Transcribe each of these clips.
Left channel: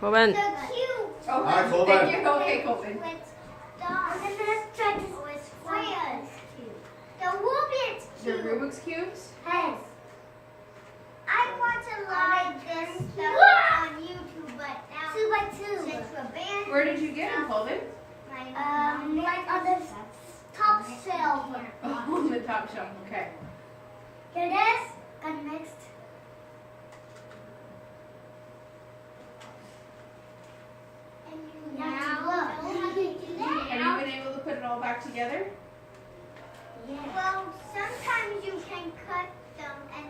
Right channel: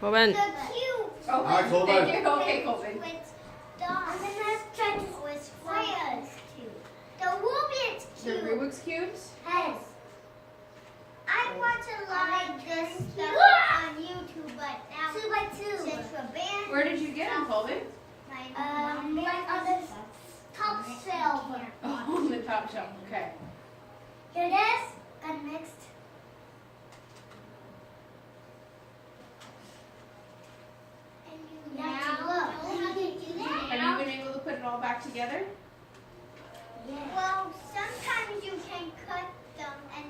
Kolben. The cube. Oh, Alright, Kolben. thank you. Okay, Kolben. I'm gonna try to squares. The Rubik's The cube. Rubik's cubes? Yes. I want to like this stuff on YouTube, but now 2 by 2. Since we're banned, Where did you get them, Kolben? like on the top shelf. Oh, on the top shelf. Okay. Here it is. Got next. Now, Have you been able to put it all back together? yeah. Well, sometimes you can cut them and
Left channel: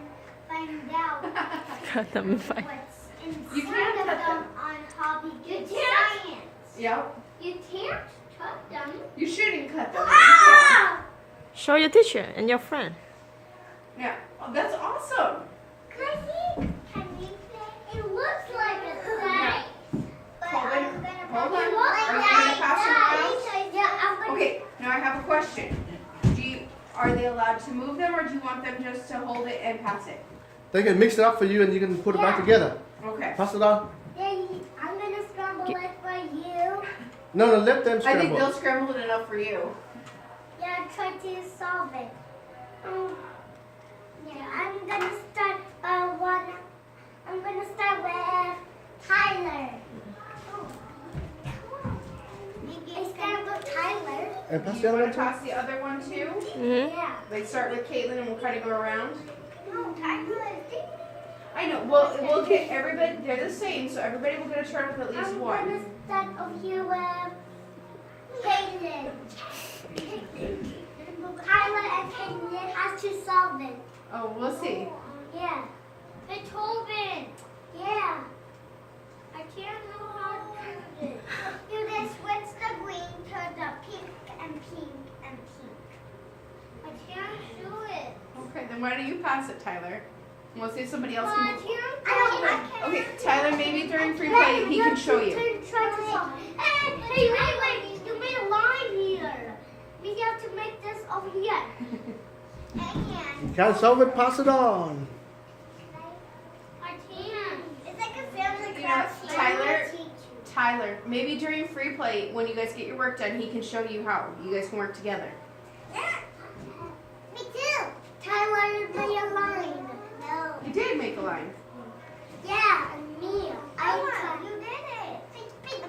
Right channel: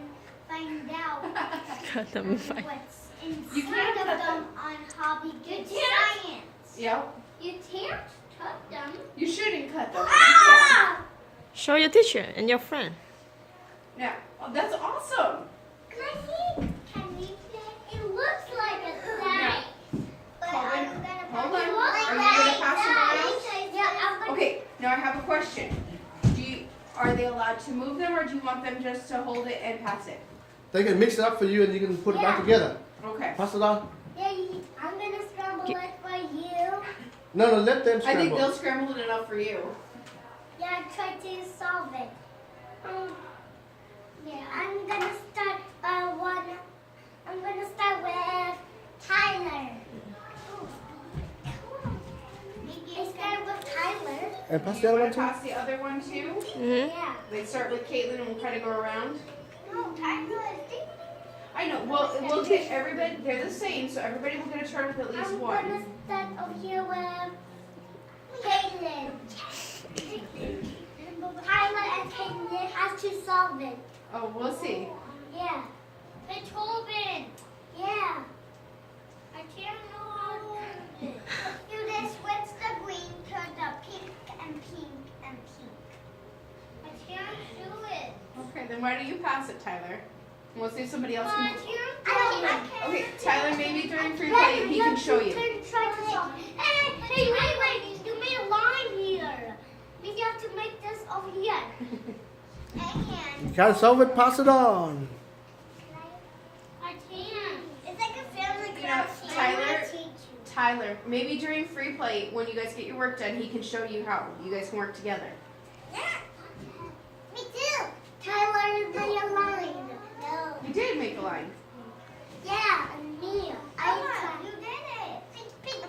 find out Cut them fine. what's You inside can't of cut them them. on Hobby Good Science. Yep. You can't cut them. You shouldn't cut them. Ah! Show your teacher and your friend. Yeah. Oh, that's awesome. Can we play? It looks like a snake. But Kolben, I'm gonna hold put on. it Are you like gonna pass it that. around? Yeah, I'm gonna. Okay, now I have a question. Are they allowed to move them, or do you want them just to hold it and pass it? They can mix it up for you and you can put it back Yeah. together. Okay. Pass it on. Yeah, I'm gonna scramble it for you. No, let them I scramble. think they'll scramble it enough for you. Yeah, try to solve it. Yeah, I'm gonna start I'm gonna start with Tyler. I start with Tyler. And pass the You other one want to too. pass the other one too? Mm-hmm. Yeah. They start with Caitlin and we'll try to go around. No, Tyler is I know. We'll get everybody. They're the same, so everybody will get a turn with at least I'm one. gonna start over here with Caitlin. Tyler and Caitlin has to solve it. Oh, we'll see. Yeah. The Kolben. Yeah. I can't know how to do it. You just switch the green to the pink and pink and pink. I can't do it. Okay, then why don't you pass it, Tyler? And we'll see if somebody else can. I can't. Okay, Tyler, maybe during free play he can show you. Try to solve it. Hey, wait. You made a line here. You have to make this over here. And Can't solve it, pass it on. I can. It's like a family You know, craft. Tyler, maybe during free play when you guys get your work done, he can show you how you guys can work together. Yeah. Me too. Tyler made a line. No. You did make a line. Yeah, me. You did it.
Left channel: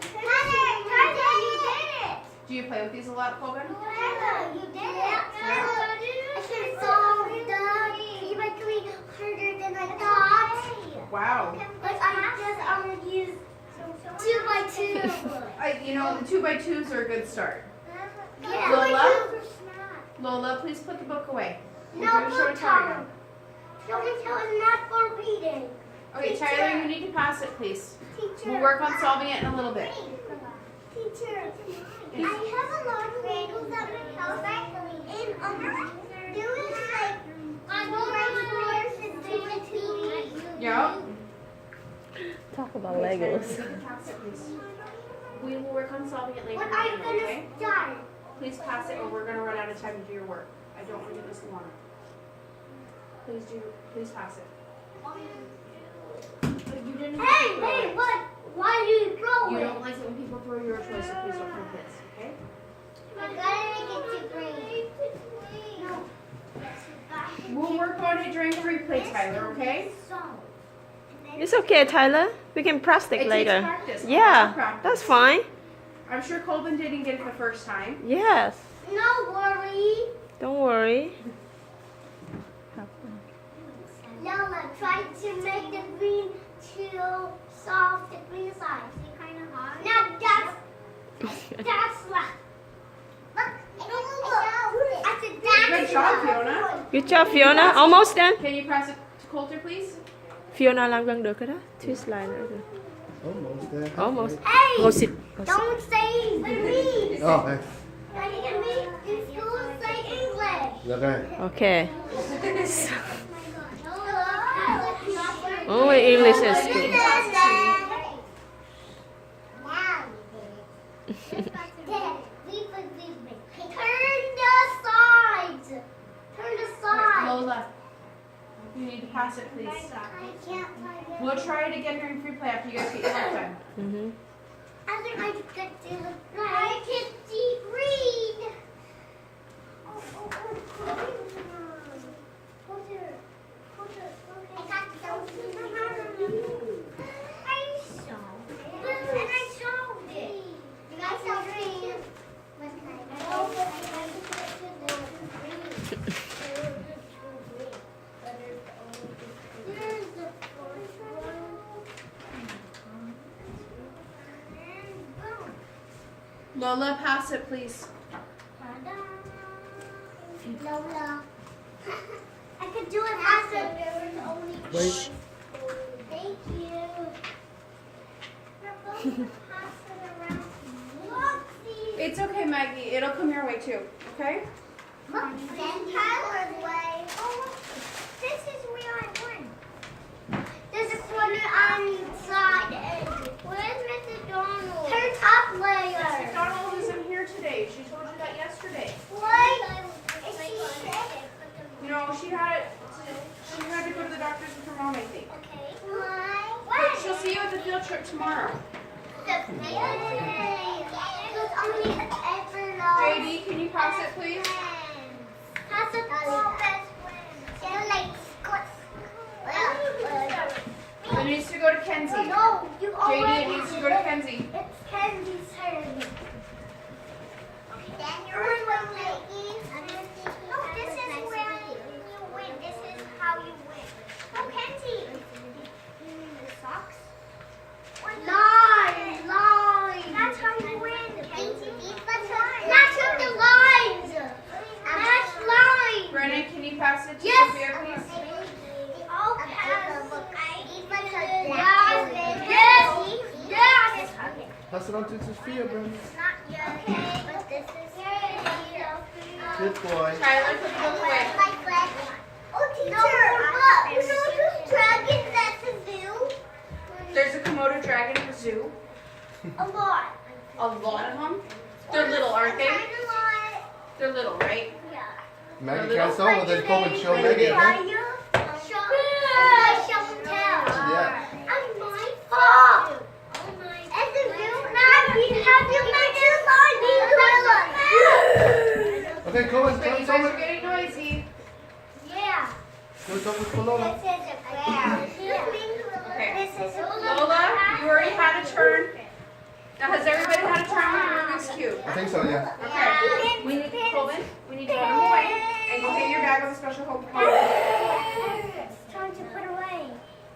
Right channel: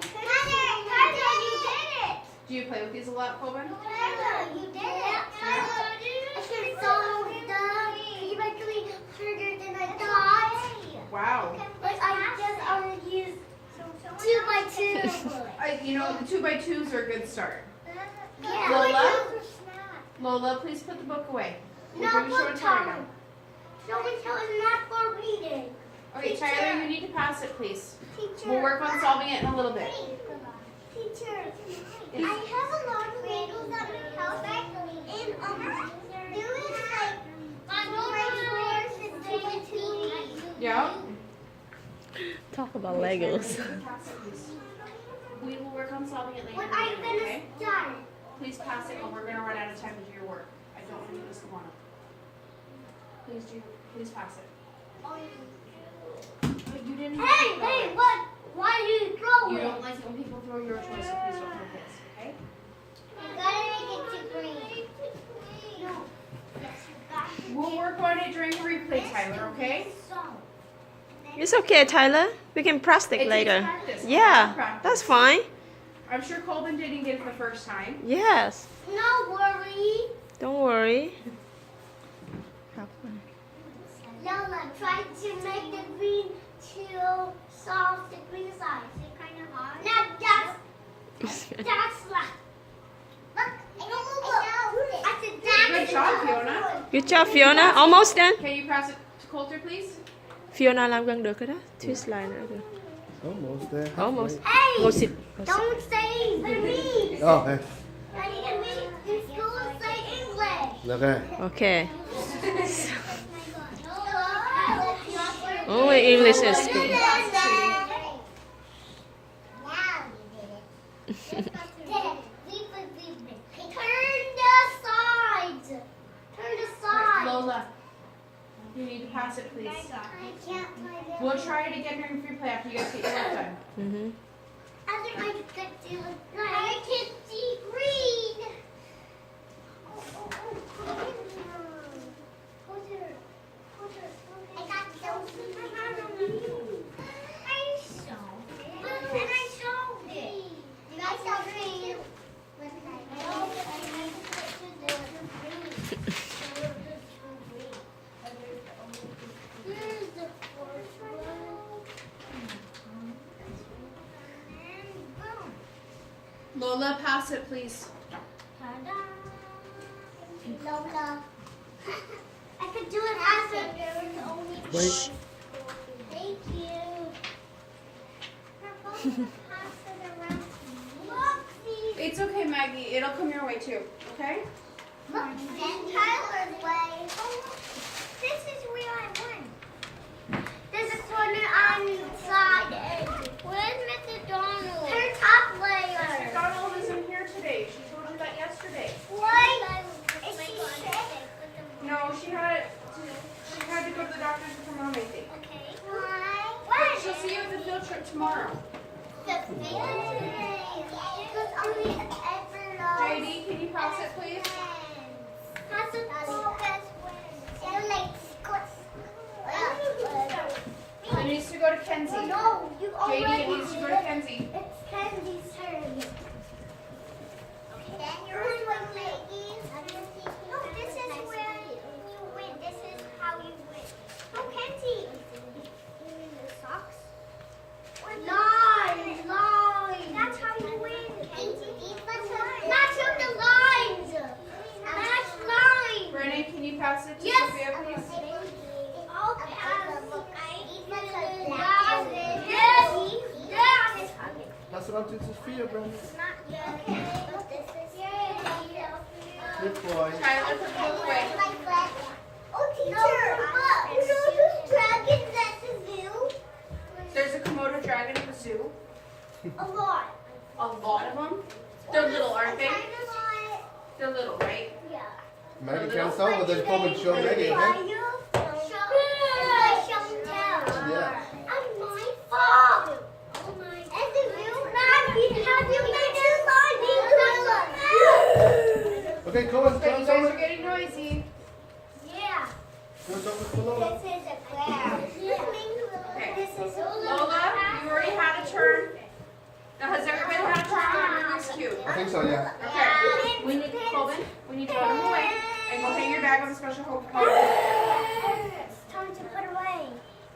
Tyler, you did it. Do you play with these a lot, Kolben? Tyler, you did it. Tyler, I should solve the 3 by 3 harder than I thought. Wow. But I just already used 2 by 2. You know, the 2x2s are a good start. Yeah. Lola? Lola, please put the book away. We're No doing show and book tell time. now. Show and tell is not for reading. Okay, Teacher. Tyler, you need to pass it, please. Teacher. We'll work on solving it in a little bit. Teacher, I have a lot of Legos at my house. And there is like 4x4s and 2x2s. Yeah. Talk about Legos. Pass it, please. We will work on solving it later. When I'm gonna Okay? start. Please pass it or we're gonna run out of time to do your work. I don't want to do this alone. Please pass it. But you didn't have to throw Hey, it. what? Why do you throw You it? don't like it when people throw your toys, so please don't throw this, okay? I gotta make it to green. No. Yes, you got to We'll work on it during the replay, Tyler, okay? So. It's okay, Tyler. We can practice It takes later. practice. Yeah, Practice. that's fine. I'm sure Kolben didn't get it the first time. Yes. No worry. Don't worry. Lola, try to make the green to solve the green side. Is it kind of hard? No, that's left. Look, I said that's Good job, Fiona. Good job, Fiona. Almost done. Can you pass it to Coulter, please? Fiona làm gần được rồi đó. Twist line nữa được. Almost there. Almost. Hey, Go sit. Go sit. don't say English. Oh, okay. In school, say English. Okay. Okay. Oh, Only English at school. Turn the sides. Turn the sides. Lola, You need to pass it, please. I can't play this. We'll try it again during free play after you guys get your work done. Mm-hmm. I think I can see the I can see green. I got I solved it. I solved green. Here's the first one. And boom. Lola, pass it, please. Ta-da! Lola. I could do it after there was only Wait. one. Thank you. We're going to pass it around. Look, these. It's okay, Maggie. It'll come your way too. Okay? Look, then Tyler's way. Oh, look. This is where I won. There's a corner on the side edge. Where's Mr. Donald? Her top layer. Mr. Donald wasn't here today. She told you that yesterday. What? Is she sick? No, she had to go to the doctor's with her mom, I think. Okay. But she'll see you at the field trip tomorrow. JD, can you pass it, please? Pass it to best friends. They're like It needs to go to Kenzie. No, you JD, already it needs to did go to it. Kenzie. It's Kenzie's turn. Okay. Then you're one, Maggie. No, this is where you win. This is how you win. Oh, Kenzie. You mean the socks? Line. That's how you win, Kenzie. Match up the lines. Match lines. Brennan, can you pass it to Yes. Sophia, please? I'll pass. Yes. Pass it on to Sophia, Brandon. Not yet. Okay, but this is Good boy. Tyler, put it all away. Oh, teacher, you know those dragons at the zoo? There's a Komodo dragon at the zoo. A lot. A lot of them. They're little, aren't they? Kind of lot. They're little, right? Yeah. Maggie can't saw it, then come and show Maggie, okay? Show and tell. Yeah. I'm my fault. At the zoo, have you met your Okay, Colin, So tell you us guys are over. getting noisy. Yeah. What's up with Lola? This is a bear. Okay. This is Lola, you already had a turn. Now, has everybody had a turn on the Rubik's Cube? I think so, yeah. Okay. We need Kolben. We need to put them away and go get your bag of the special hope. It's time to put away.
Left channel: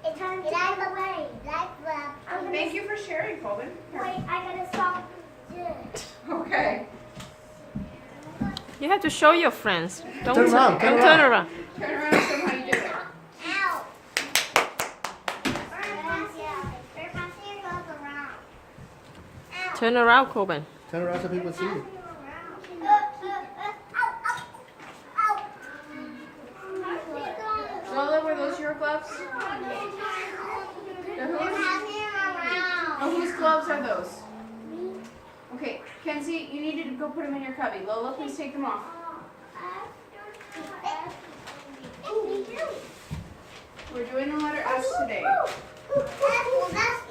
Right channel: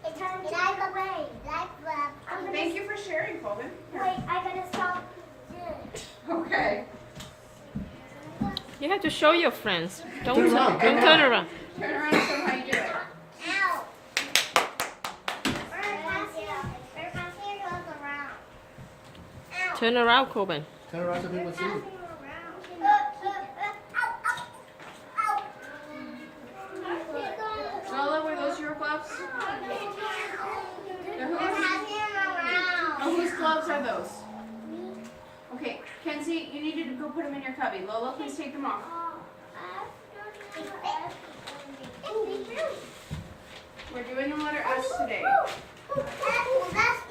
It's time to put away. Thank you for sharing, Kolben. Here. Wait, I gotta stop this. Okay. You have to show your friends. Don't Turn around, don't turn around. Turn around and show them how you do it. Ow. Goes around. Ow. Turn around, Kolben. Turn around so people see you. Lola, were those your gloves? They're whose? Oh, whose gloves are those? Okay, Kenzie, you need to go put them in your cubby. Lola, please take them off. We're doing the letter S today. Well, that's